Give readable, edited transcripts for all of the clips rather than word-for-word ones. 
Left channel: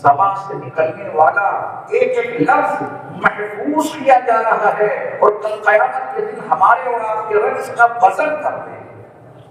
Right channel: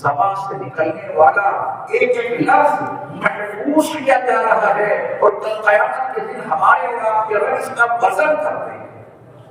زبان سے نکلنے والا ایک ایک لفظ محفوظ کیا جا رہا ہے اور کل قیامت کے دن ہمارے اور آپ کے رب اس کا وزن کرتے ہیں۔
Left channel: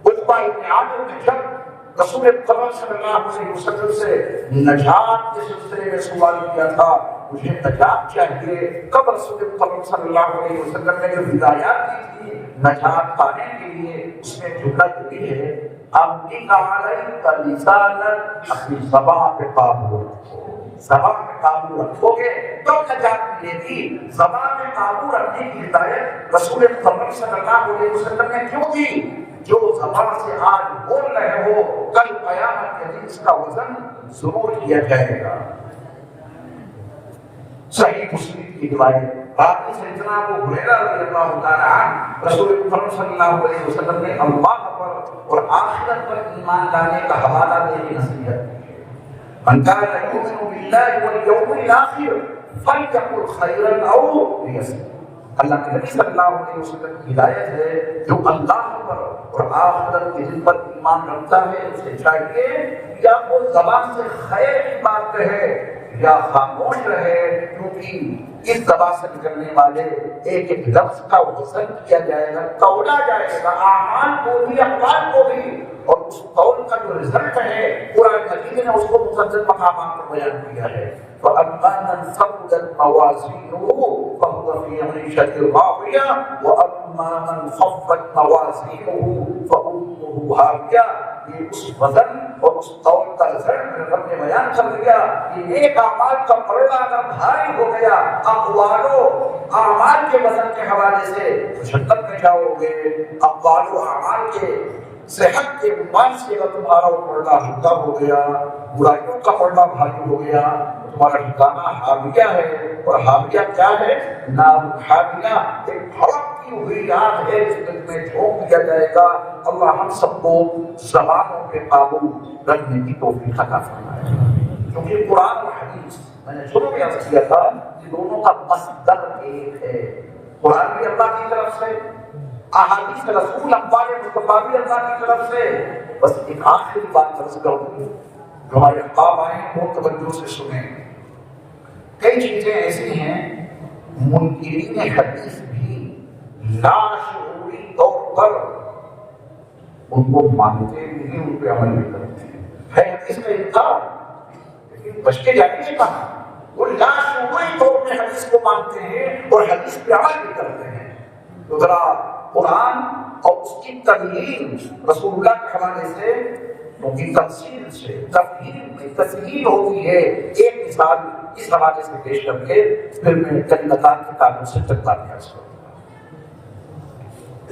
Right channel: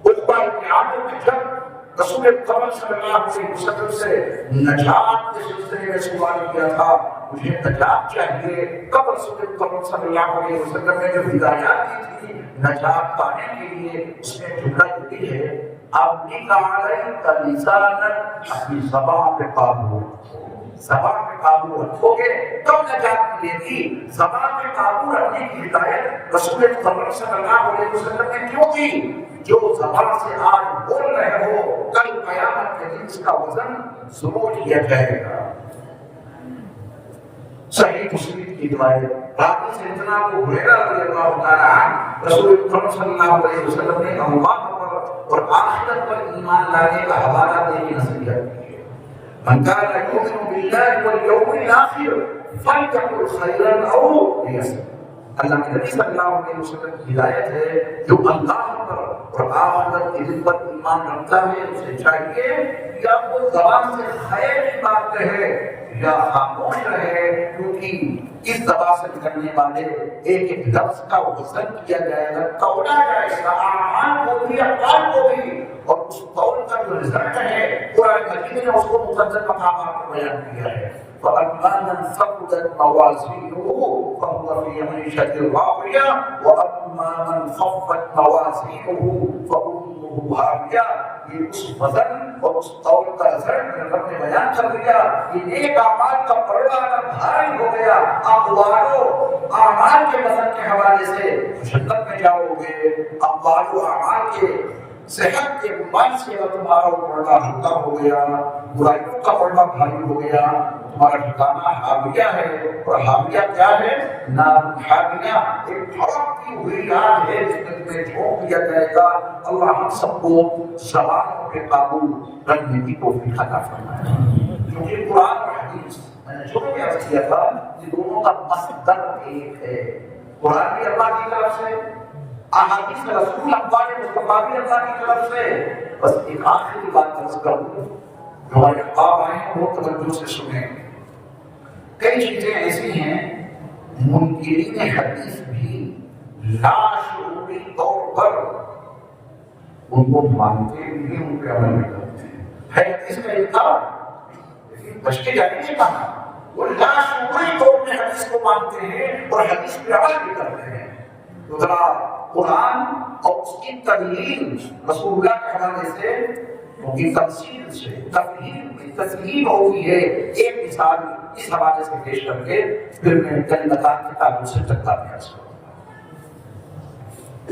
اس بار ابن عامر نے جب رسول اکرم صلی اللہ علیہ وسلم سے نجات کے سلسلے میں سوال کیا تھا مجھے نجات چاہیے، کب رسول اکرم صلی اللہ علیہ وسلم نے جو ہدایات دی تھی نجات پانے کے لیے اس میں جملہ دی ہے آپ نے کہا ہے لسانک اپنی زبان پہ قابو رکھو، زبان پہ قابو رکھو گے تب نجات ملے گی۔ زبان پہ قابو رکھنے کی ہدایت رسول اکرم صلی اللہ علیہ وسلم نے کیوں دی؟ جو زبان سے آج بول رہے ہو کل قیامت کے دن اس کا وزن ضرور کیا جائے گا۔ صحیح مسلم کی روایت باقی سے جناب ابو ہریرہ رضی اللہ تعالی عنہ رسول اکرم صلی اللہ علیہ وسلم نے اللہ اور آخرت پر ایمان لانے کا حوالہ دے کے نصیحت کی ہے۔ من كان يؤمن بالله واليوم الآخر فليقل خيرا أو ليصمت۔ اللہ کے نبی صلی اللہ علیہ وسلم کی ہدایت ہے جو اللہ پر اور آخرت کے دن پر ایمان رکھتا ہے اسے چاہیے یا وہ زبان سے خیر کی بات کہے یا خاموش رہے، کیونکہ اس زبان سے نکلنے والے ایک ایک لفظ کا وزن کیا جائے گا، تولا جائے گا، اعمال کو بھی افعال کو بھی، اور اس قول کا جو رزلٹ ہے قرآن مجید نے اس کو مقدس مقامات میں بیان کیا ہے۔ فَأَمَّا مَنْ ثَقُلَتْ مَوَازِينُهُ فَهُوَ فِي عِيشَةٍ رَاضِيَةٍ وَأَمَّا مَنْ خَفَّتْ مَوَازِينُهُ فَأُمُّهُ هَاوِيَةٌ۔ یہ اس وزن اور اس قول کا رزلٹ رب نے بیان کر دیا کہ نیک اعمال کا پردہ اگر بھاری ہو گیا اقوال و اعمال کے وزن کے حوالے سے جنت میں جاؤ گے، اقوال و اعمال کے صحت کے مائن سے تمہارا پردہ ہلکا ہو گیا، برائیوں کا پردہ بھاری ہو گیا، تمہارا ٹھکانہ حاویہ ہے، اور حاویہ کیا ہے؟ نار حاویہ، ایک بھڑکتی ہوئی آگ ہے جس میں جھونک دیا جائے گا۔ اللہ ہم سب کو زبانوں کے قابو رکھنے کی توفیق عطا فرمائے۔ کیونکہ قرآن اور حدیث میں نے جو بھی عرض کیا تھا کہ دونوں کا مصدر ایک ہے، قرآن بھی اللہ کی طرف سے، احادیث رسول اخبار مصطفیٰ بھی اللہ کی طرف سے۔ بس ایک آخری بات عرض کروں، ہمارے خواب آئے ہیں وہ توجہ سے سنیں۔ کئی چیزیں ایسی ہیں منکرین حدیث بھی لاشعوری طور پر ان کو مانتے نہیں، ان پہ عمل نہیں کرتے ہیں۔ حدیث کا انکار لیکن بچ کے جانے کے کہا وہ لاشعوری طور پر حدیث کو مانتے ہیں اور حدیث پہ عمل بھی کرتے ہیں۔ تو ذرا قرآن اور اس کی تدلیل رسول اللہ کے حوالے سے ان کی تفصیل سے تفہیم ہوئی ہے۔ ایک مثال اس حوالے سے پیش کر کے پھر میں جنتان کے تعلق سے چلتا ہے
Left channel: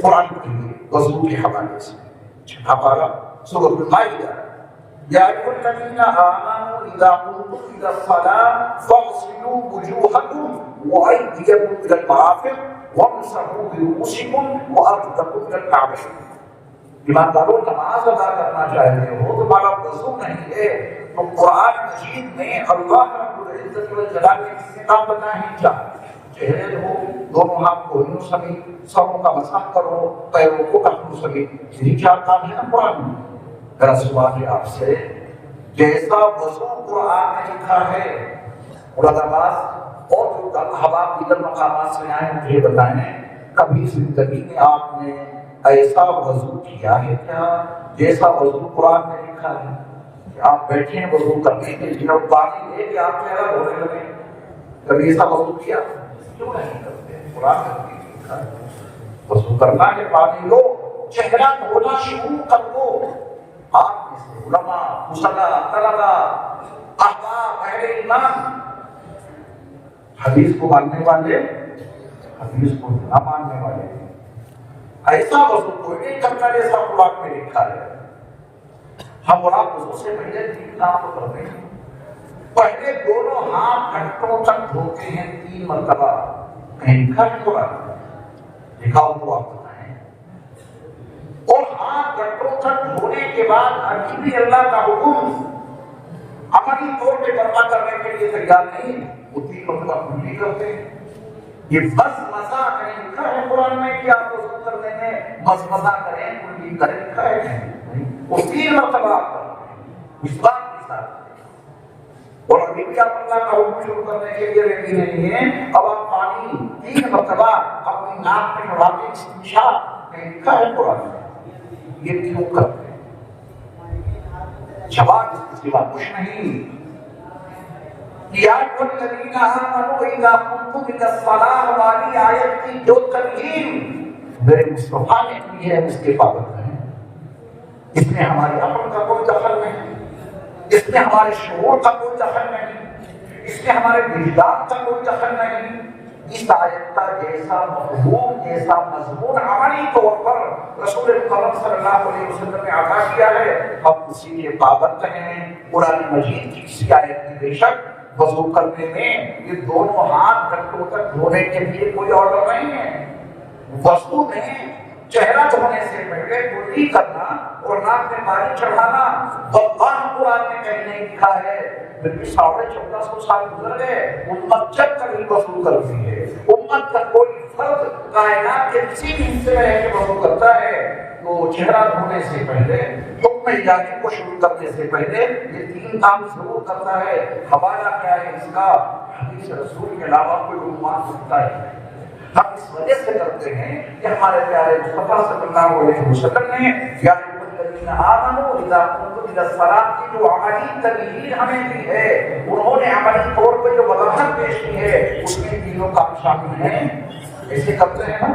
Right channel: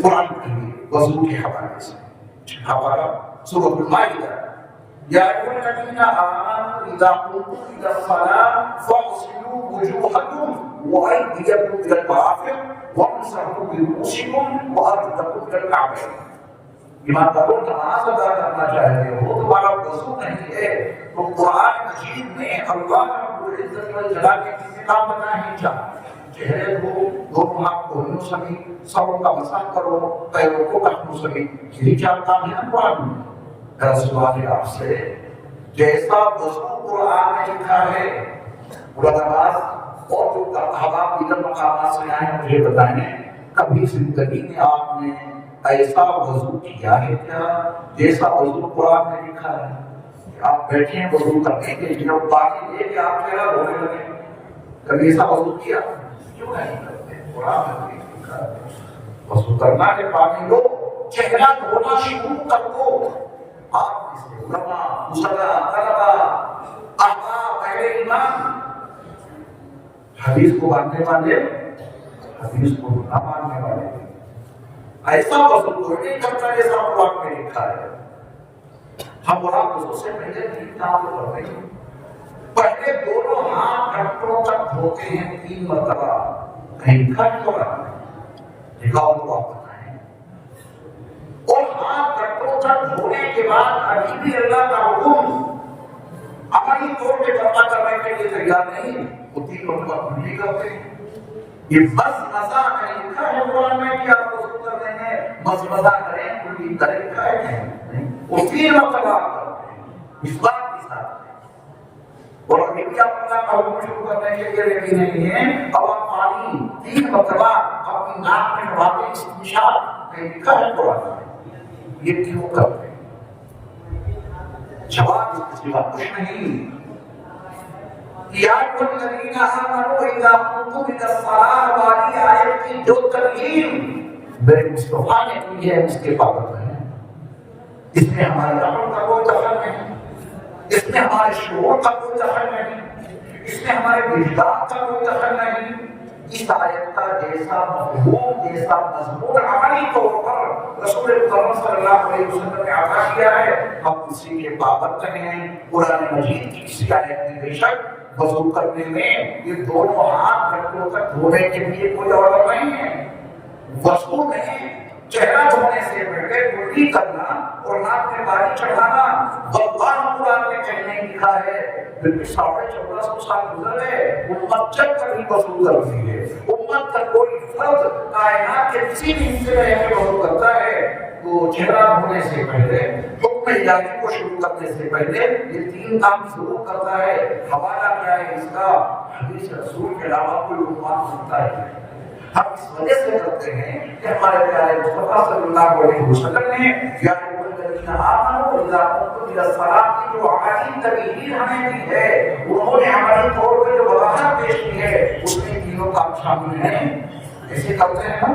قرآن کی وضو کے حوالے سے۔ ہمارا سورۃ المائدہ یا ایھا الذین آمنوا اذا قمتم الی الصلاۃ فاغسلوا وجوہکم وایدیکم الی المرافق وامسحوا برؤوسکم وارجلکم الی الکعبین۔ ایمانداروں نماز ادا کرنا چاہتے ہیں وہ تمہارا وضو نہیں ہے تو قرآن مجید میں اللہ رب العزت والجلال کے کسی کام بنا ہی چاہتا چہرے ہو دونوں ہاتھ کو ہلو سبھی سروں کا مسح کرو پیروں کو ہلو سبھی یہی چاہتا ہے قرآن میں۔ میرا سوال ہے آپ سے جیسا وضو قرآن میں لکھا ہے علماء اور جو احباب دیگر مقامات سے آئے مجھے بتائیں کبھی زندگی میں آپ نے ایسا وضو کیا ہے کیا جیسا وضو قرآن میں لکھا ہے؟ آپ بیٹھے ہیں وضو کرنے کے لیے اور پانی دے کے آپ چہرہ دھونے لگے، کبھی ایسا وضو کیا؟ کیوں نہیں کرتے؟ قرآن میں لکھا ہے وضو کرنا کے پانی لو، چہرہ دھونا شروع کر دو۔ آپ علماء، مصلح، طلبا، احباب، اہل ایمان حدیث کو ماننے والے حدیث کو نہ ماننے والے ایسا وضو نہیں کرتا جیسا قرآن میں لکھا ہے۔ ہم قرآن وضو سے پہلے تین کام کر رہے ہیں۔ پہلے دونوں ہاتھ گھٹنوں تک دھوتے ہیں 3 مرتبہ، کہیں گھٹ ہو رہا ہے لکھا ہوا ہے، اور ہاتھ گھٹنوں تک دھونے کے بعد ابھی بھی اللہ کا حکم عملی طور پہ کرنا کرنے کے لیے تیار نہیں، وہ 3 مرتبہ نہیں کرتے۔ یہ بس مزہ ہے لکھا ہے قرآن میں کہ آپ کو کر رہے ہیں بس مزہ کریں کوئی طریقہ ہے نہیں، وہ 3 مرتبہ اس بات کے ساتھ اور ابھی بھی اپنا قول شروع کرنے کے لیے ریڈی نہیں ہے. اب آپ پانی 3 مرتبہ اپنی ناک میں اڑاتے استنشاق میں لکھا ہے قرآن میں. یہ کیوں کرتے ہیں؟ جواب اس کے سوا کچھ نہیں. یا الذین آمنوا اذا قمتم الى الصلاۃ والی آیت کی جو ترغیب میرے مصطفیٰ نے کی ہے اس کے پابند ہیں. اس میں ہمارے عقل کا کوئی دخل نہیں، اس میں ہمارے شعور کا کوئی دخل نہیں، اس میں ہمارے وجدان کا کوئی دخل نہیں. اس آیت کا جیسا مفہوم، جیسا مضمون عملی طور پر رسول کریم صلی اللہ علیہ وسلم نے عطا کیا ہے، ہم اسی کے پابند ہیں. قرآن مجید کی کسی آیت میں بے شک وضو کرنے میں یہ دونوں ہاتھ گھٹنوں تک دھونے کے لیے کوئی آرڈر نہیں ہے. وضو میں چہرہ دھونے سے پہلے کلی کرنا اور ناک میں پانی چڑھانا واللہ قرآن میں کہیں نہیں لکھا ہے. بلکہ 1450 سال گزر گئے، امت جب تک نہیں وضو کرتی ہے، امت کا کوئی فرد کائنات کے کسی بھی حصے میں رہ کے وضو کرتا ہے تو چہرہ دھونے سے پہلے، حکم الہی کو شروع کرنے سے پہلے یہ 3 کام ضرور کرتا ہے. حوالہ کیا ہے اس کا؟ حدیث رسول کے علاوہ کوئی عنوان ہوتا ہے. ہم اس وجہ سے کرتے ہیں کہ ہمارے پیارے مصطفیٰ صلی اللہ علیہ وسلم نے یا الذین آمنوا اذا قمتم الى الصلاۃ کی جو عملی تبیین ہمیں دی ہے، انہوں نے عملی طور پہ جو وضاحت پیش کی ہے اس میں تینوں کام شامل ہیں. ایسے کرتے ہیں نا.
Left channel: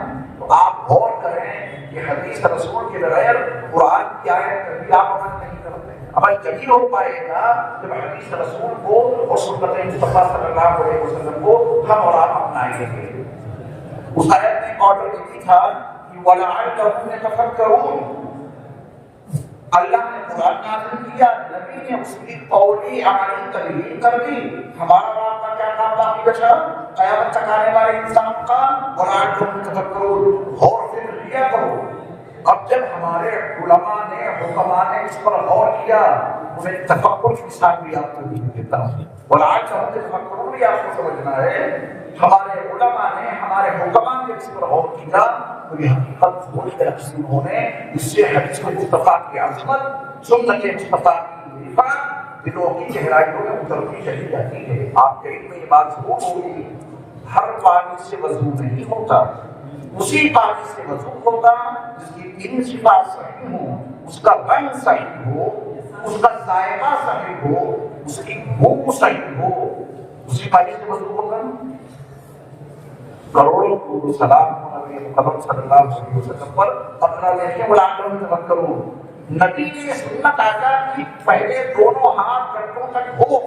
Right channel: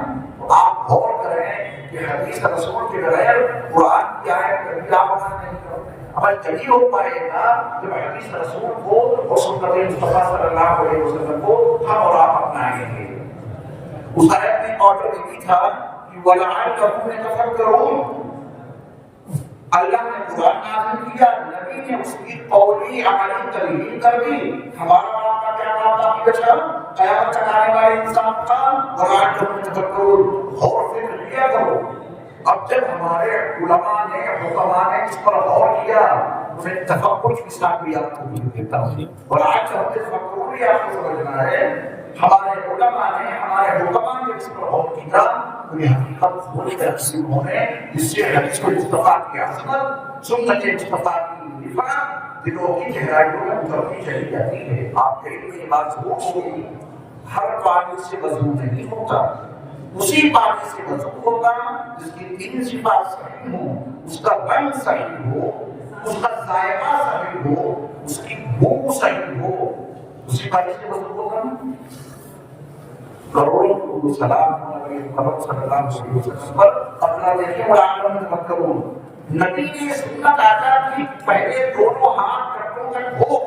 آپ غور کریں کہ حدیث رسول کے بغیر قرآن کی آیت کبھی آپ نہیں کرتے. عمل جبھی ہو پائے گا جب حدیث رسول کو اور سنت مصطفیٰ صلی اللہ علیہ وسلم کو ہم اور آپ اپنائیں گے. اس آیت میں آرڈر نہیں تھا کہ وَلَعَلَّهُمْ يَتَفَكَّرُونَ. اللہ نے قرآن نازل کیا، نبی نے اس کی قولی عملی تبیین کر دی. ہمارا آپ کا کیا کام باقی بچا؟ قیامت تک آنے والے انسان کا وَلَعَلَّهُمْ يَتَفَكَّرُونَ. غور فکر کیا کرو. اب جب ہمارے علماء نے حکماء نے اس پر غور کیا، میں تفکر کی ساتھ بھی آپ کو دیتا ہوں اور آج ہم تفکر بھی آپ کو سمجھنا ہے. ہمارے علماء نے، ہمارے حکماء نے اس پر غور کیا تو یہ حقیقت بڑی تقسیم ہونے جس سے حدیث کو مصطفیٰ کی عظمت، سنت مصطفیٰ کی رفعت دلوں کی گہرائیوں میں اترتی چلی جاتی ہے. آپ دیکھ میں یہ بات ضرور ہوگی، ہر پانی سے وضو نہیں ہوتا. اسی پانی سے وضو ہوگا جس کی 3 صفات صحیح ہوں، اس کا رنگ صحیح ہو، اس کا ذائقہ صحیح ہو، اس کی بو صحیح ہو. اسی پانی سے وضو ہوگا. کروڑوں کو سلام حضرت صلی اللہ علیہ وسلم پر اپنا نہیں اڑانے میں مت کرو. نبی نے سنت عطا کی پہلے دونوں ہاتھ گھٹنوں تک دھو.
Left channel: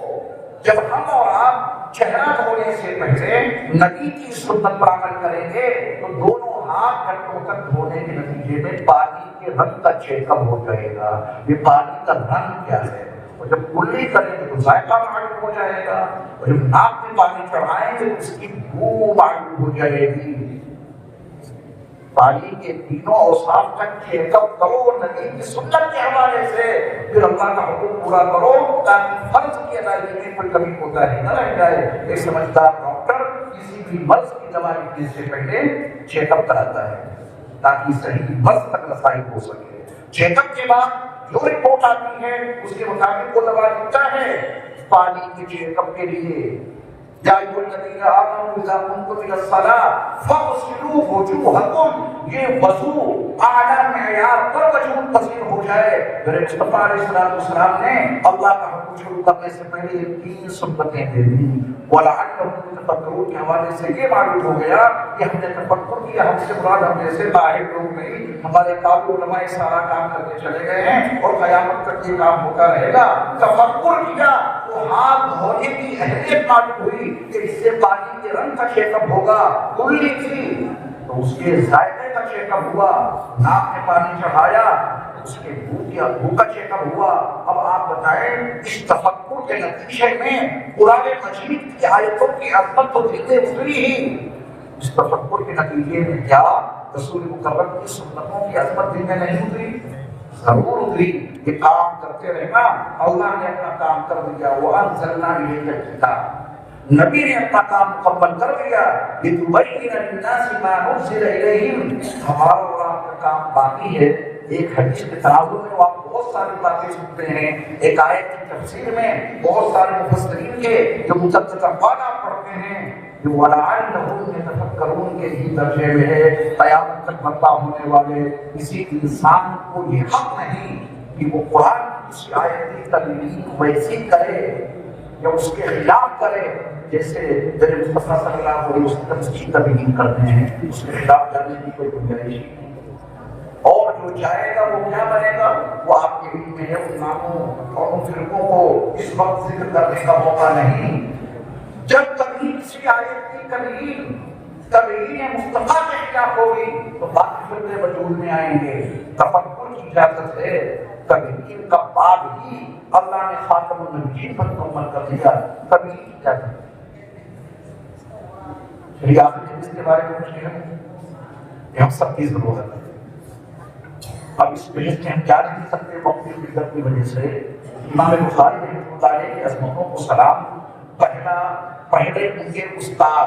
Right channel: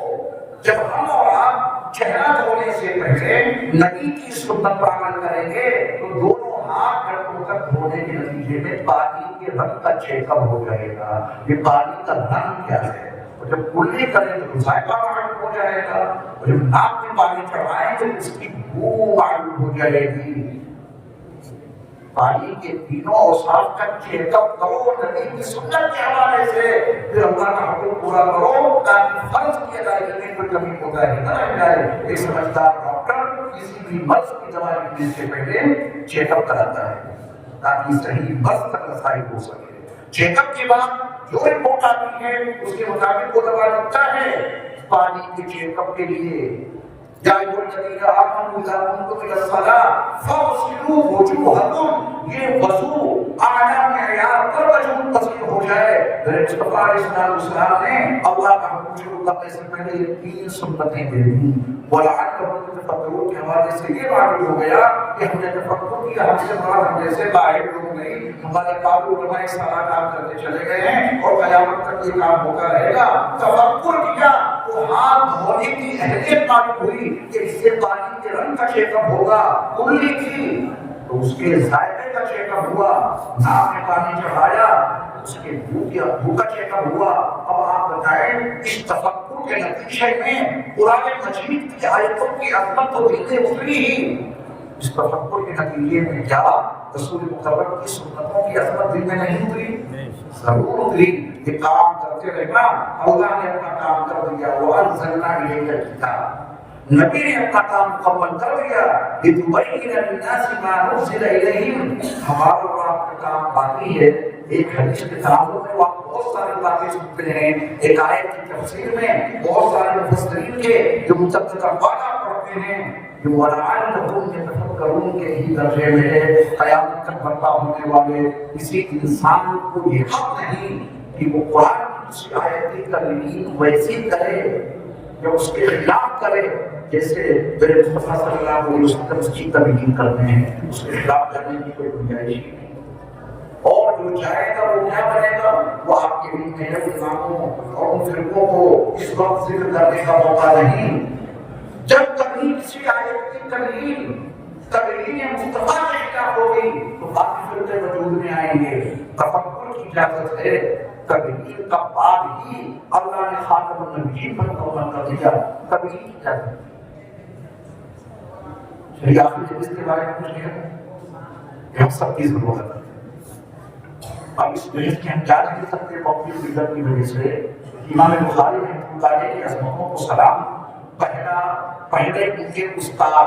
جب ہم اور آپ چہرہ دھونے سے پہلے نبی کی سنت پر عمل کریں گے تو دونوں ہاتھ گھٹنوں تک دھونے کے نتیجے میں پانی کے رنگ کا چیک اپ ہو جائے گا. یہ پانی کا رنگ کیا ہے؟ جب کلی کریں تو ذائقہ معلوم ہو جائے گا. جب ناک میں پانی چڑھائیں تو اس کی بو معلوم ہو جائے گی. پانی کے تینوں اوصاف کا چیک اپ کرو نبی کی سنت کے حوالے سے، پھر اللہ کا حکم پورا کرو تاکہ فرض کی ادائیگی میں کوئی کمی ہوتا ہے نہ رہ جائے. ایک سمجھدار ڈاکٹر کسی بھی مرض کی دوا لینے سے پہلے چیک اپ کراتا ہے تاکہ صحیح مرض تک رسائی ہو سکے. چیک اپ کے بعد جو رپورٹ آتی ہے اس کے مطابق وہ دوا لکھتا ہے. پانی کے چیک اپ کے لیے یا ایھا الذین آمنوا اذا قمتم الی الصلاۃ فاغسلوا وجوہکم، یہ وضو اعلیٰ معیار پر وجو پذیر ہو جائے. میرے مصطفیٰ علیہ السلام نے اللہ کا حکم شروع کرنے سے پہلے یہ 3 سنتیں دے دی. وَلَعَلَّهُمْ يَتَفَكَّرُونَ کے حوالے سے یہ معلوم ہو گیا کہ ہم نے تفکر کیا، ہم سے بڑا ہم جیسے باہر لوگ نہیں. ہمارے قابل علماء سارا کام کرتے چلے گئے ہیں اور قیامت تک یہ کام ہوتا رہے گا. تفکر کیا تو ہاتھ دھونے کی اہمیت معلوم ہوئی کہ اس سے پانی کے رنگ کا چیک اپ ہوگا. کلی کی تو اس کے ذائقے کا چیک اپ ہوا. ناک میں پانی چڑھایا اس کے دودھ یا بھو کا چیک اپ ہوا. اب آپ بتائیں اس تفکر کے نتیجے میں قرآن مجید کی آیتوں کی عظمت تو دل میں اتری ہی. اس تفکر کے نتیجے میں کیا رسول مقرر کی سنتوں کی عظمت دل میں نہیں اتری؟ ضرور اتری. یہ کام کرتے رہنا. اللہ نے اپنا کام کر دیا. وَأَنزَلْنَا إِلَيْكَ الْكِتَابَ، نبی نے اپنا کام مکمل کر دیا. لِتُبَيِّنَ لِلنَّاسِ مَا نُزِّلَ إِلَيْهِمْ. ہمارا اور آپ کا کام باقی ہے. ایک حدیث کے تعلق میں آپ بہت بہت سارے باتیں سنتے ہیں، ایک آیت کی تفسیر میں بہت سارے مفسرین کے جو متعدد افعال پڑھتے ہیں، جو وَلَعَلَّهُمْ يَتَفَكَّرُونَ کے ہی درجے میں ہے۔ قیامت تک برپا ہونے والے کسی انسان کو یہ حق نہیں کہ وہ قرآن کی کسی آیت کی ترمیم ویسی کرے یا اس کے خلاف کرے جیسے میرے مصطفیٰ صلی اللہ علیہ وسلم اس کی ترمیم کرتے ہیں، اس کے خلاف کرنے کی کوئی گنجائش نہیں۔ اور جو چاہے گا وہ کیا بنے گا، وہ آپ کے بھی میرے علماءوں اور ان فرقوں کو اس وقت ذکر کرنے کا موقع نہیں۔ جب کبھی کسی آیت کی ترمیم مصطفیٰ کے خلاف ہوگی تو باقی فرقے وجود میں آئیں گے۔ تفکر کی اجازت ہے، ترمیم کا باب ہی اللہ نے خاتم النبیین پر فرما کر دیا، ترمیم کی اجازت چلیے آپ نے جس کے بارے میں پوچھ لیا ہم سب کی ضرورت ہے۔ اب اس بحث کے ہم کیا نہیں سکتے اپنی فکر کی وجہ سے امام بخاری رحمۃ اللہ علیہ کی عظمتوں کو سلام۔ پہلے ان کے استاد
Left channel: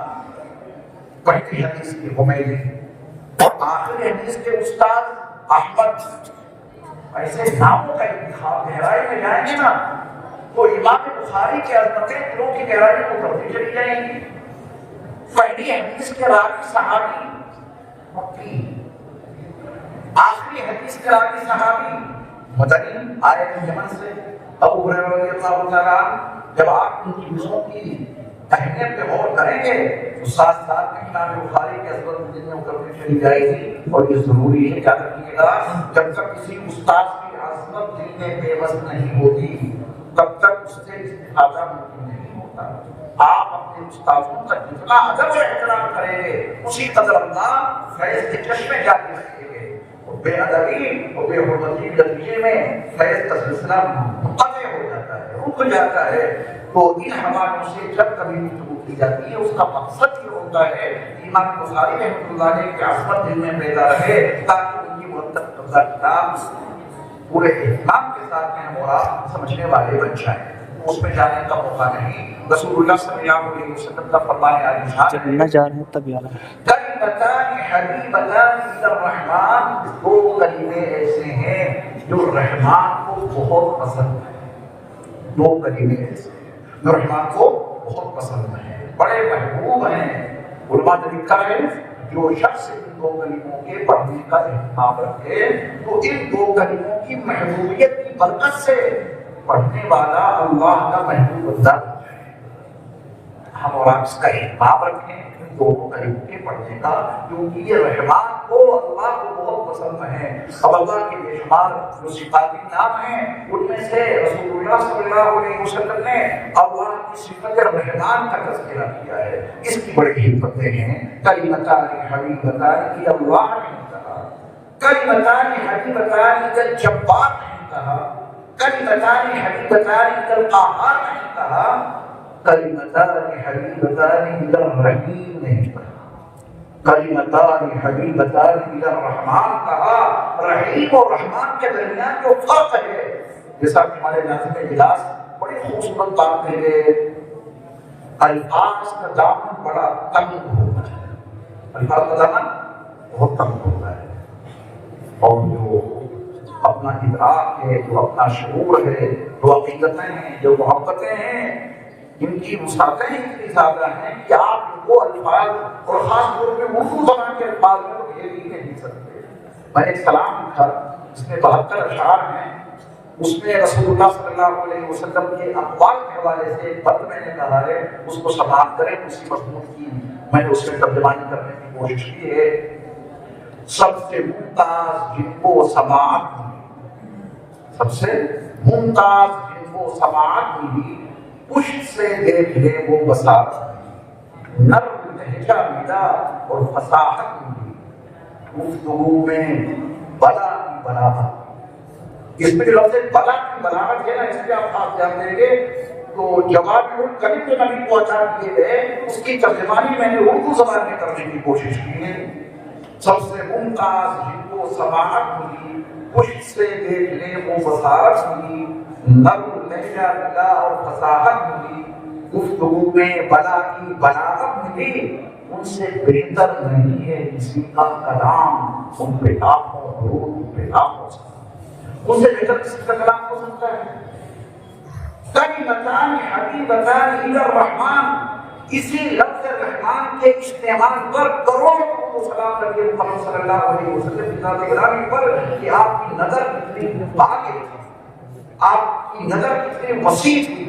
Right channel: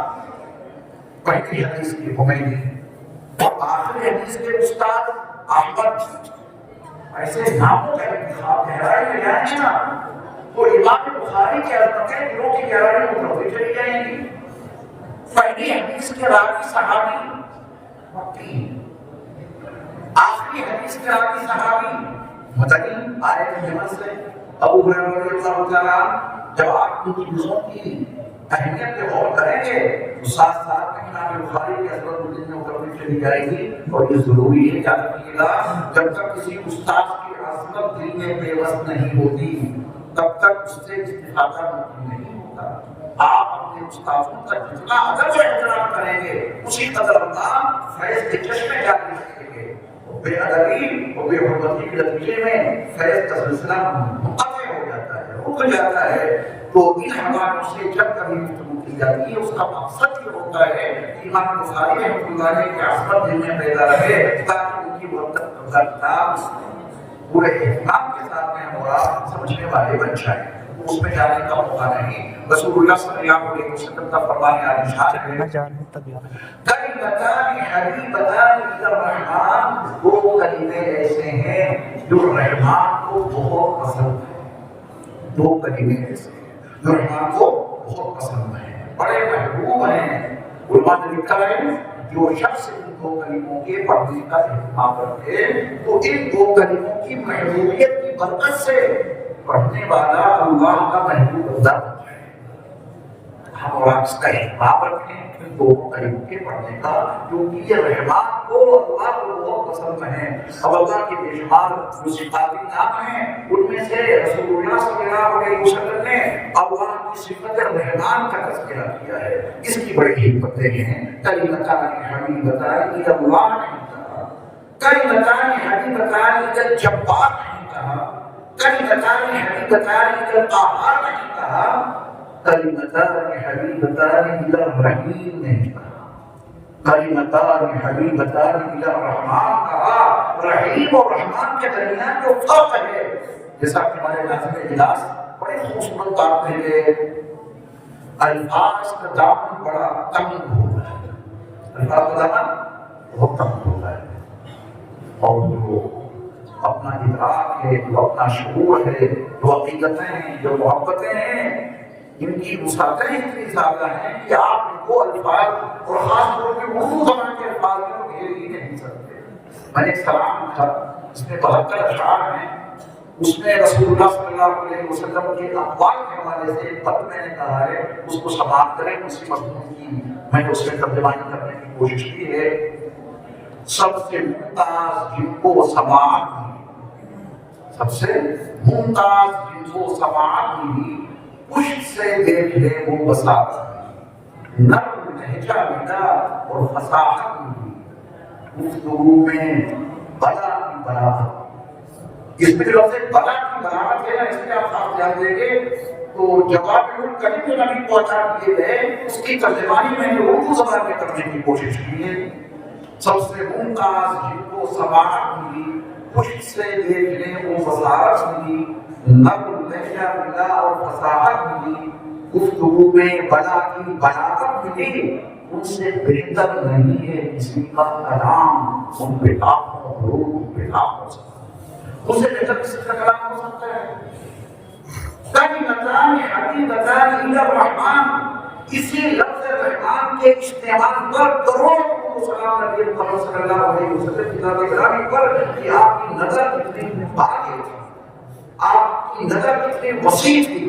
پہلی حدیث کی حمیدی اور آخری حدیث کے استاد احمد، ایسے ناموں کا انتخاب گہرائی میں جائیں گے نا تو امام بخاری کی عظمتیں دلوں کی گہرائی میں اترتی چلی جائیں گی۔ پہلی حدیث کے راوی صحابی مکی، آخری حدیث کے راوی صحابی مدنی، آیت محمد سے ابو ہریرہ رضی اللہ عنہ۔ جب آپ ان چیزوں کی اہمیت پہ غور کریں گے تو ساتھ ساتھ امام بخاری کی عظمت دل میں اترتی چلی جائے گی۔ اور یہ ضروری ہے، یاد رکھیے گا، جب تک کسی استاد کی عظمت دل میں بے بس نہیں ہوتی تب تک اس سے استفادہ ممکن نہیں ہوتا۔ آپ اپنے استادوں کا جتنا ادب و احترام کریں گے اسی قدر اللہ فیض کے چشمے جاری رکھیں گے۔ بے ادبی اور بے حرمتی کے نتیجے میں فیض کا سلسلہ منقطع ہو جاتا ہے، رک جاتا ہے۔ تو ان حوالوں سے جب کبھی گفتگو کی جاتی ہے اس کا مقصد یہ ہوتا ہے کہ امام بخاری رحمۃ اللہ علیہ کی عظمت دل میں پیدا رہے تاکہ ان کی مرتب پورے اہتمام کے ساتھ میں اور سمجھنے والے بن جائیں۔ اس میں جانے کا موقع نہیں۔ رسول اللہ صلی اللہ علیہ وسلم کا فرمان ہے جا رہے ہیں تب یاد کلمتان حبیبتان الی الرحمن، دو کلمے ایسے ہیں جو رحمان کو بہت پسند ہیں۔ دو کلمے ایسے ہیں جو رحمان کو بہت پسند ہیں، بڑے محبوب ہیں۔ علماء نے لکھا ہے جو شخص ان دو کلموں کے پڑھنے کا اہتمام رکھے تو ان دو کلموں کی محبوبیت کی برکت سے پڑھنے والا اللہ کا محبوب ہوتا ہے۔ ہم اور آپ اس کا اہتمام رکھیں دو کلموں کے پڑھنے کا، کیونکہ یہ رحمان کو اللہ کو بہت پسند ہے۔ اب اللہ کے بے شمار جو صفاتی نام ہیں ان میں سے رسول اللہ صلی اللہ علیہ وسلم نے اللہ کی صفت رحمان کا تذکرہ کیا ہے۔ اس کی بڑی حکمتیں ہیں۔ کلمتان حبیبتان الی اللہ نہیں کہا، کلمتان حبیبتان الی الجبار نہیں کہا، کلمتان حبیبتان الی القہار نہیں کہا، کلمتان حبیبتان الی الرحیم نہیں کہا، کلمتان حبیبتان الی الرحمان کہا۔ رحیم اور رحمان کے درمیان جو فرق ہے، جیسا کہ ہمارے ناظم اجلاس بڑے خوبصورت کام کرے، الفاظ کا دامن بڑا تنگ ہوتا ہے، الفاظ کا دامن بہت تنگ ہوتا ہے، اور جو اپنا ادراک ہے، جو اپنا شعور ہے، جو عقیدتیں ہیں، جو محبتیں ہیں، ان کی مساقیں اتنی زیادہ ہیں کہ آپ ان کو الفاظ اور خاص طور پہ اردو زبان کے الفاظ میں گھیر ہی نہیں سکتے۔ میں نے ایک کلام لکھا جس میں 72 اشعار ہیں، اس میں رسول اللہ صلی اللہ علیہ وسلم کے اقوال کے حوالے سے بات میں نے کہا ہے، اس کو سماعت کریں، اسی مضمون کی میں نے اس میں ترجمانی کرنے کی کوشش کی ہے۔ سب سے ممتاز جن کو سماعت ہوئی، سب سے ممتاز جن کو سماعت ہوئی، پشت سے دیکھ لے وہ بساط، نرم لہجہ ملا اور فصاحت ہوئی، گفتگو میں بلا کی بلاغت۔ اس میں جو لفظ بلا کی بلاغت ہے نا، اس میں آپ خاص دھیان دیں گے تو جواب کریم میں نبی پہنچا دیے گئے، اس کی ترجمانی میں نے اردو زبان میں کرنے کی کوشش کی ہے۔ سب سے ممتاز جن کو سماعت ہوئی، پشت سے دیکھ لے وہ وزارت ہوئی، نرم لہجہ ملا اور فصاحت ہوئی، گفتگو میں بلا کی بلاغت ملی، ان سے بہتر نہیں ہے کسی کا کلام، ان پہ آخر درود پہ آخر۔ اسے بہتر کسی کا کلام ہو سکتا ہے؟ کلمتان حبیبتان الی الرحمن، اسی لفظ رحمان کے استعمال پر کروڑوں سلام نبی محمد صلی اللہ علیہ وسلم کی ذات گرامی پر کہ آپ کی نظر کتنی باغی تھی، آپ کی نظر کتنی وسیع تھی،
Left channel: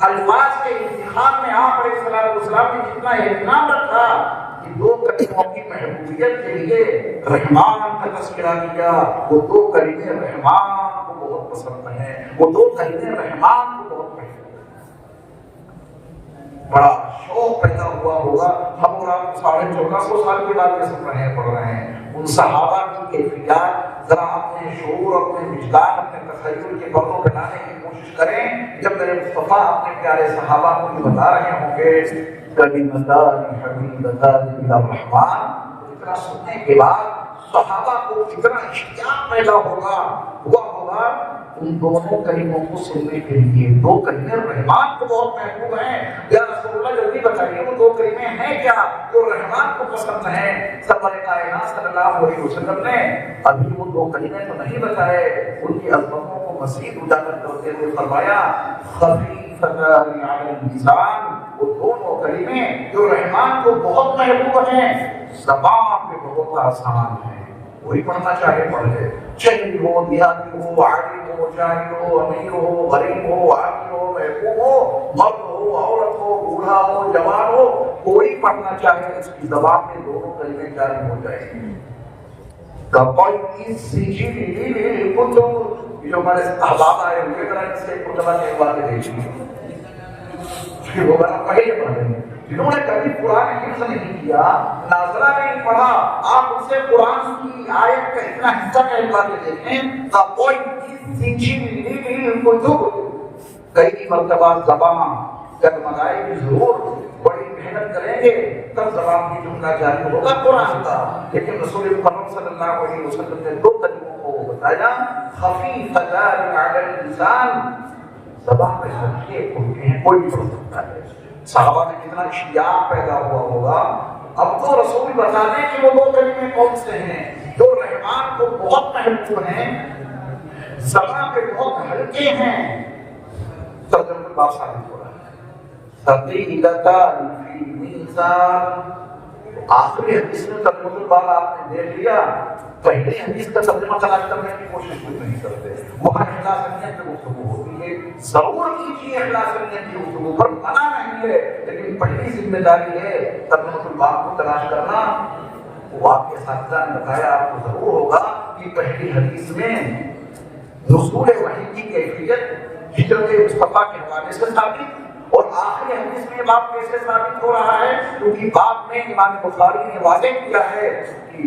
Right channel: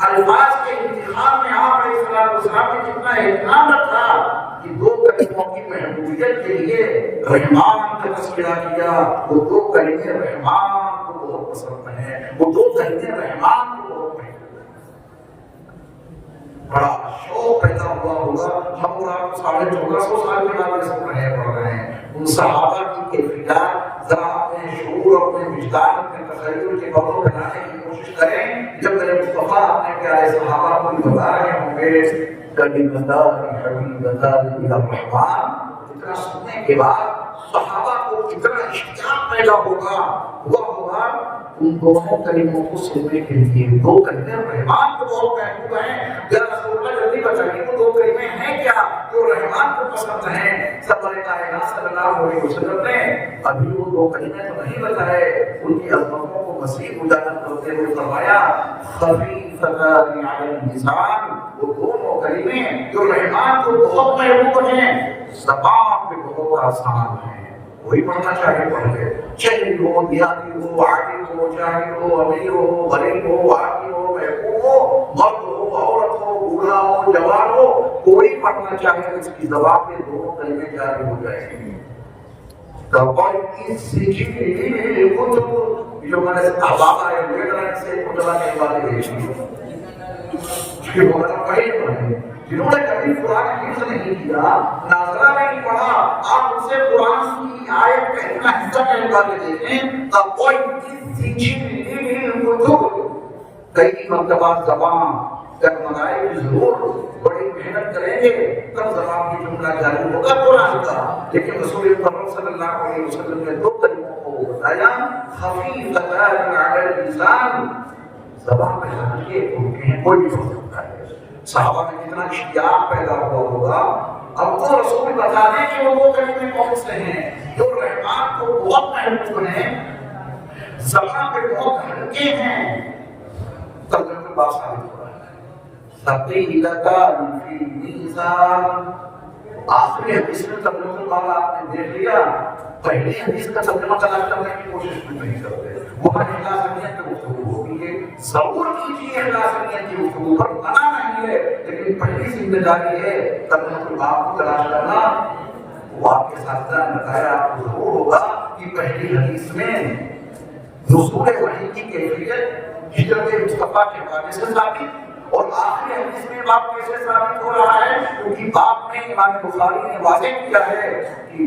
الفاظ کے انتخاب میں آپ علیہ السلام نے کتنا اہتمام رکھا کہ دو کلموں کی محبوبیت کے لیے رحمان کا تذکرہ کیا۔ وہ دو کلمے رحمان کو بہت پسند ہیں، وہ دو کلمے رحمان کو بہت پسند ہیں۔ بڑا شوق پیدا ہوا ہوگا، ہم 1450 سال کے بعد اس پڑھ رہے ہیں۔ ان صحابہ کی کیفیات ذرا اپنے شعور اور اپنے وجدان اپنے تخیل کے بلوں پہ لانے کی کوشش کریں۔ جب میرے مصطفیٰ اپنے پیارے صحابہ کو بتا رہے ہوں گے کلمتان حبیبتان الی الرحمن، اتنا سننے کے بعد صحابہ کو اتنا اشتیاق پیدا ہوگا ان دونوں کلموں کو سننے کے لیے۔ دو کلمے رحمان کو بہت محبوب ہیں، ذرا رسول اللہ جلدی بتائیے وہ دو کلمے ہیں کیا جو رحمان کو پسند ہیں؟ سرور کائنات صلی اللہ علیہ وسلم نے ابھی وہ دو کلمے تو نہیں بتائے، ان کی عظمتوں کو مزید اجاگر کرتے ہوئے فرمایا خفیفتان علی اللسان، وہ دونوں کلمے جو رحمان کو بہت محبوب ہیں زبان پہ بہت آسان ہیں۔ وہی پڑھنا چاہے پڑھ لے، شہری ہو، دیہاتی ہو، عاقل ہو، جاہل ہو، امیر ہو، غریب ہو، عاقل ہو، محبوب ہو، مرد ہو، عورت ہو، بوڑھا ہو، جوان ہو، کوئی پڑھنا چاہے اس کی زبان کے دونوں کلمے جاری ہو جائیں گے۔ جو ہمارے احباب آئے ہوئے ہیں سے خدا کے بارے میں جنہوں نے کبھی قرآن حفظ نہیں کیا، ناظرہ نہیں پڑھا، آپ اسے قرآن کی آیت کا اتنا حصہ کہنے والے دیکھیں کئی مرتبہ زبان کرمائے ضرور بڑی محنت کریں گے تب زبان کی جملہ جاری ہوگا قرآن کا۔ لیکن رسول محمد صلی اللہ علیہ وسلم نے دو کلموں کو بتایا خفیفتان علی اللسان، زبان پہ جانیے ان کے کوئی بھی ہو سکتا ہے۔ صحابہ میں کتنا اشتیاق پیدا ہوا ہوگا۔ اب تو رسول بتا دیں کہ وہ دو کلمے کون سے ہیں جو رحمان کو بہت محبوب ہیں، زبان پہ بہت ہلکے ہیں۔ ترجمہ کی بات ثابت ہوا ہے، ثقیلتان فی المیزان۔ آخری حدیث میں ترجمہ کی بات آپ نے دیکھ لیا، پہلی حدیث کا ترجمہ کرنے کی کوشش بھی نہیں کرتے۔ وہاں اللہ سمجھے کہ وہ ہوگی ہے، ضرور کیجیے اللہ سمجھے کہ وہ پر منع نہیں ہے، لیکن پہلی ذمہ داری ہے ترجمہ کی بات کو تلاش کرنا۔ وہ آپ کے ساتھ بتایا آپ کو ضرور ہوگا کہ پہلی حدیث میں نزول وحی کی کیفیت ہجرت مصطفیٰ کے حوالے سے ثابت، اور آخری حدیث میں بات کیسے ثابت ہو رہا ہے کیونکہ بات میں امام بخاری نے واضح کیا ہے کہ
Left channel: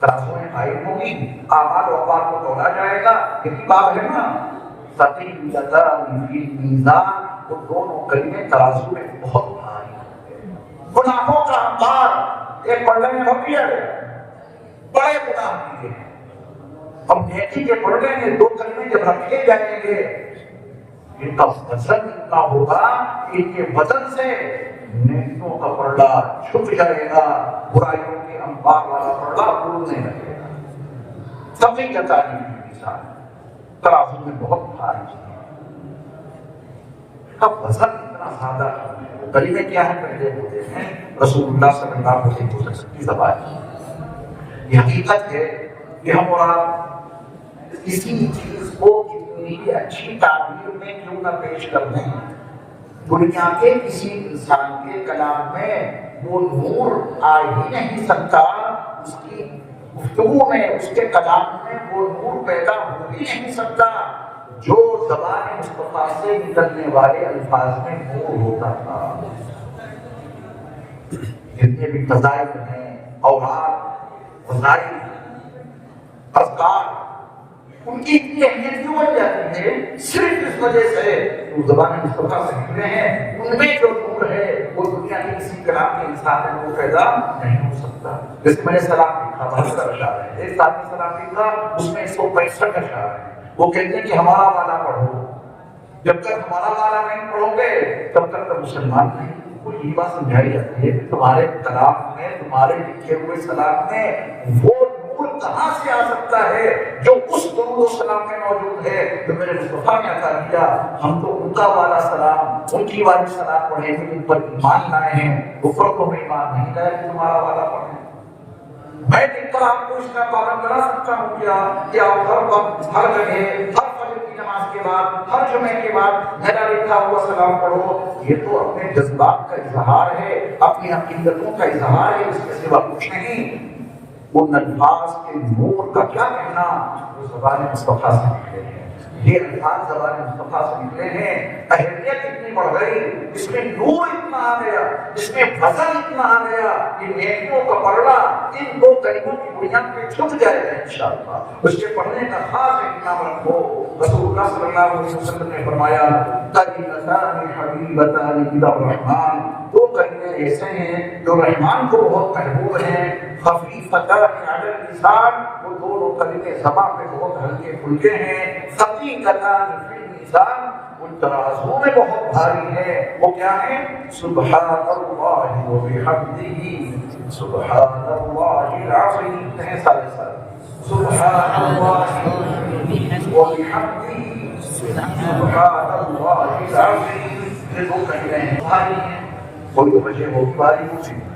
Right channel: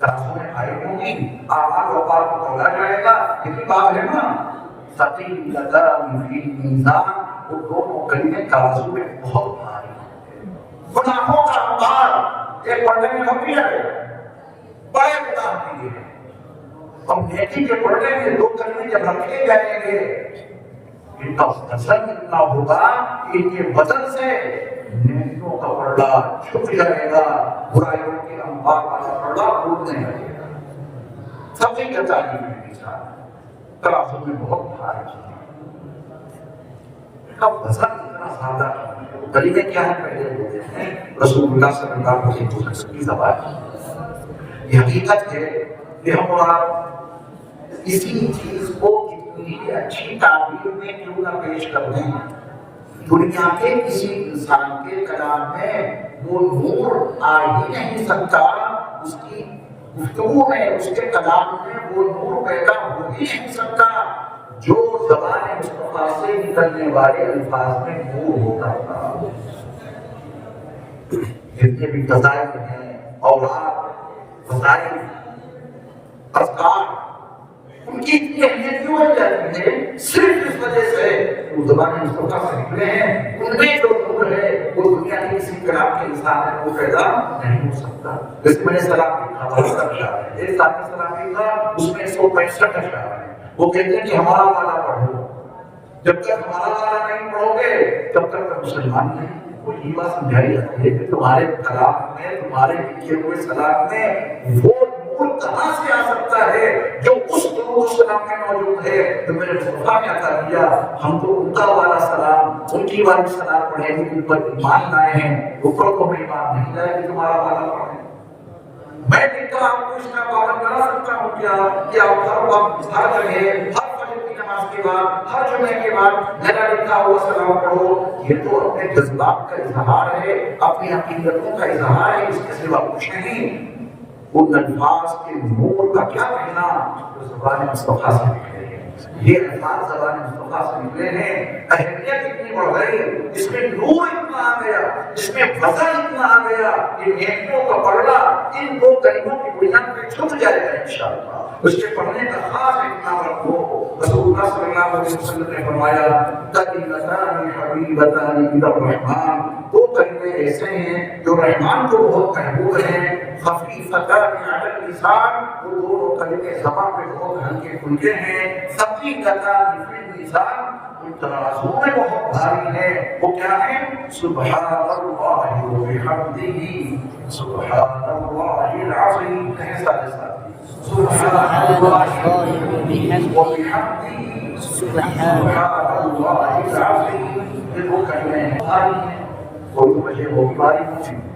ترازو میں آئی ہوگی، اعمال و افعال کو تولا جائے گا، یہی بات ہے نا۔ ثقیلتان فی المیزان، وہ دونوں کلمے ترازو میں بہت بھاری ہیں۔ گناہوں کا انبار ایک پلڑے میں رکھ دیا گیا، بڑے گناہ کیے ہیں، ہم نیکی کے پلڑے میں دو کلمے جب رکھے جائیں گے ان کا وزن اتنا ہوگا کہ ان کے وزن سے نیکیوں کا پلڑا چھپ جائے گا، برائیوں کے انبار والا پلڑا ٹوٹنے لگے گا۔ سبھی کا تعلیم ہے ترازو میں بہت بھاری ہے، اب وزن اتنا زیادہ ہے۔ دلیلیں کیا ہے پہلے ہوتے ہیں رسول اللہ صلی اللہ علیہ وسلم کی زبان۔ یہ حقیقت ہے کہ ہمارا کسی چیز کو کتنی اچھی تعبیر میں کیوں نہ پیش کر دیں، دنیا کے کسی انسان کے کلام میں وہ نور آ ہی نہیں سکتا، اس کی گفتگو میں اس کے کلام میں وہ نور پیدا ہو ہی نہیں سکتا جو زبان مصطفیٰ سے نکلنے والے الفاظ میں نور ہوتا ہے۔ جتنے بھی فضائل ہیں، اوراد، فضائل، اذکار، ان کی اتنی اہمیت کیوں بن جاتی ہے؟ صرف اس وجہ سے وہ زبان مصطفیٰ سے نکلے ہیں، ان میں جو نور ہے وہ دنیا کے کسی کلام کے انسان میں وہ پیدا نہیں ہو سکتا۔ اس میں سلام کی خاطر اشعار ہے، ایک آدمی سلام کی تھا اس میں 165 اشعار ہیں۔ وہ کہتے ہیں کہ ہمارا والا پڑھو، جب تک ہمارا والا نہیں پڑھو گے تب تک مسلمان نہیں۔ وہ یہ بات سمجھائی جاتی ہے کہ تمہارے کلام میں، تمہارے لکھے ہوئے سلام میں وہ نور کہاں سے آ سکتا ہے جو اس نور سلام میں موجود ہے تو میرے مصطفیٰ نے عطا کیا، ہم تو ان کا والا سلام، ان کی والی سلام پڑھیں گے، ان پر ایمان لائے ہیں، اوپر کو ایمان نہیں لائے کہ تمہارا والا پڑھیں۔ میں دیکھ کر آپ کو اس کا پابند بنا سکتا ہوں کیا ہر وقت ہر جگہ ہر فجر کی نماز کے بعد ہر جمعے کے بعد میرا لکھا ہوا سلام پڑھو، یہ تو اپنے جذبات کا اظہار ہے، اپنی حقیقتوں کا اظہار ہے، اس کے سوا کچھ نہیں۔ ان الفاظ کے نور کا کیا کہنا اس زبان مصطفیٰ سے نکلے ہیں، یہ الفاظ زبان مصطفیٰ سے نکلے ہیں، اہمیت اتنی بڑھ گئی، اس میں نور اتنا آ گیا، اس میں وزن اتنا آ گیا کہ نیکیوں کا پڑھنا ان دو کلموں کی بنیاد پہ چھپ جائے گا انشاءاللہ۔ اس کے پڑھنے کا خاص اہتمام رکھو۔ رسول اللہ صلی اللہ علیہ وسلم نے فرمایا کلمتان حبیبتان الی الرحمن، دو کلمے ایسے ہیں جو رحمان کو بہت محبوب ہیں، خفیفتان علی اللسان، وہ دونوں کلمے زبان پہ بہت ہلکے پھلکے ہیں، ثقیلتان فی المیزان، ان ترازو میں بہت بھاری ہے، وہ کیا ہے؟ سبحان اللہ و بحمدہ سبحان اللہ العظیم، کہیں سارے ساتھ سبحان اللہ و بحمدہ سبحان اللہ العظیم، یہ دو کلمے ہیں بھاری ہیں، کوئی وجہ وہ بھاری نہیں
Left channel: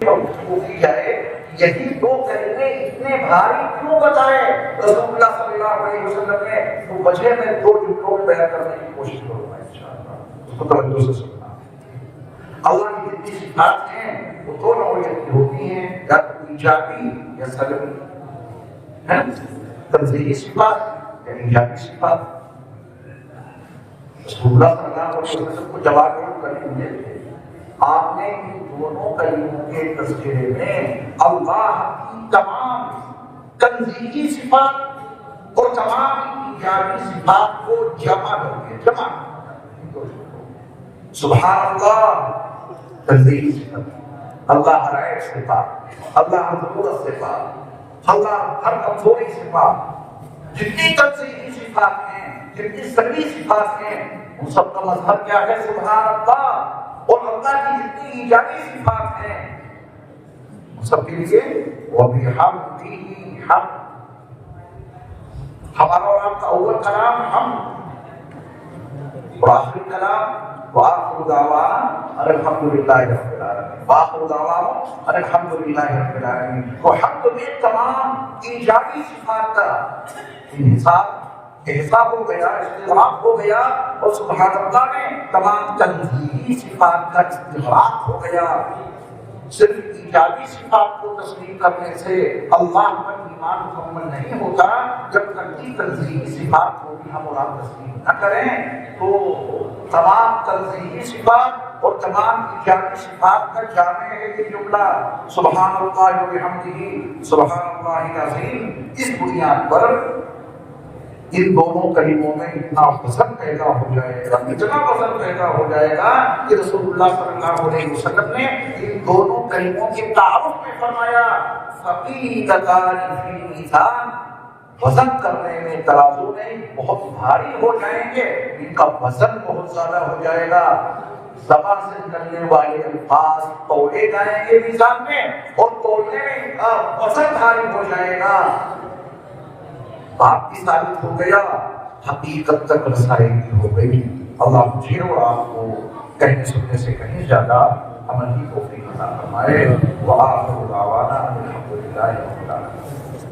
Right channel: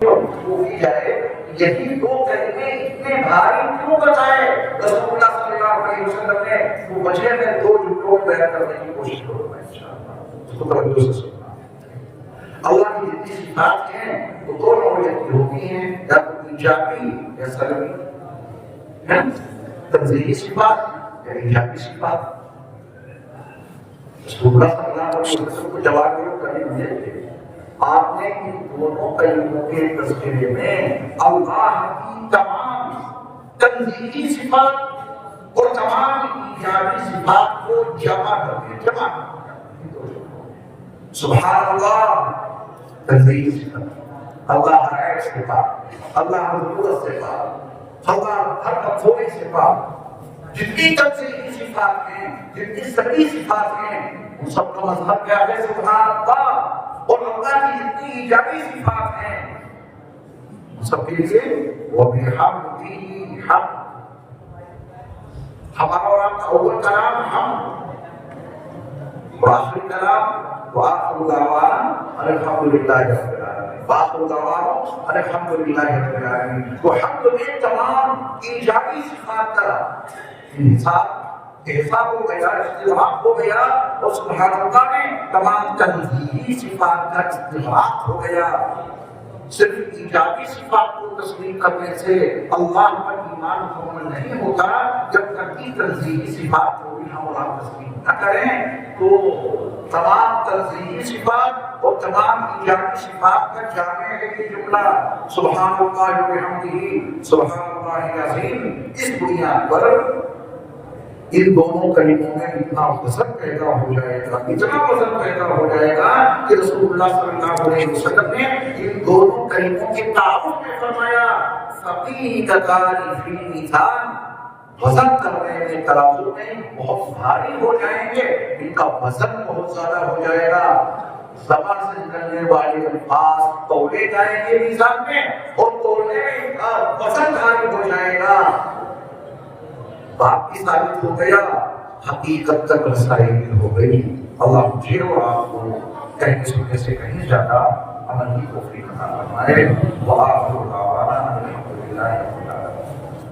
کی جائے، یہی دو کلمے اتنے بھاری کیوں بتائے؟ رسول اللہ صلی اللہ علیہ وسلم نے وہ وجہ میں دو جملوں میں بیان کرنے کی کوشش کرنا ہے۔ اللہ کی جتنی صفات ہیں وہ دونوں میں ہوتی ہیں، یا تو ایجابی یا سلبی، تنزیہی صفات یا ایجابی صفات۔ رسول اللہ صلی اللہ علیہ وسلم کو جواب کرنے دیے، آپ نے ان دونوں کلموں کے تذکرے میں اللہ کی تمام تنزیہی صفات اور تمام ایجابی صفات کو جمع کر دیا، جمع سبحان اللہ تنزیہی صفات، اللہ رائع صفات، اللہ مقدس صفات، اللہ ہر مطلوبی صفات، جتنی تنزیہی صفات ہیں، جتنی سبھی صفات ہیں، ان سب کا مطلب کیا ہے؟ سبحان اللہ۔ اور اللہ کی جتنی ایجابی صفات ہیں سب کے لیے وَبِحَمْدِهِ حَمْدٌ، ہمارا اور آپ کا اول کلام حمد، اور آخری کلام وَآخِرُ دَعْوَانَا الْحَمْدُلِلَّهِ رَبِّ الْعَالَمِينَ، وَآخِرُ دَعْوَانَا الْحَمْدُلِلَّهِ رَبِّ الْعَالَمِينَ۔ تو حمد میں تمام ایجابی صفات کا انحصار احساب ہو گیا، استغراق ہو گیا، اور سبحان اللہ میں تمام تنزیہی صفات کا استغراق ہو گیا۔ صرف ایجابی صفات کو تسلیم کرنے سے اللہ کا ایمان مکمل نہیں ہوتا، جب تک کہ تنزیہی صفات کو بھی ہم اور آپ تسلیم نہ کریں۔ تو تمام تنزیہی صفات اور تمام ایجابی صفات کا جامع ہے یہ جملہ سبحان اللہ و بحمدہ سبحان اللہ العظیم۔ اس بنیاد پر ان دونوں کلموں میں اتنا وزن پیدا ہو جائے گا، اتنا وزن پیدا ہو جائے گا کہ رسول اللہ صلی اللہ علیہ وسلم نے ان دونوں کلموں کے تعارف میں فرمایا ثقیلتان فی المیزان، وزن کرنے میں ترازو میں بہت بھاری ہو جائیں گے، ان کا وزن بہت زیادہ ہو جائے گا۔ زبان سے نکلنے والے الفاظ تولے جائیں گے میزان میں، اور تولنے کا وزن بھاری ہو جائے گا۔ آپ کی ثابت ہو گیا، حقیقت تک رسائی ہو گئی۔ اللہ مجھے اور آپ کو کہنے سننے سے کہیں زیادہ عمل کی توفیق عطا فرمائے۔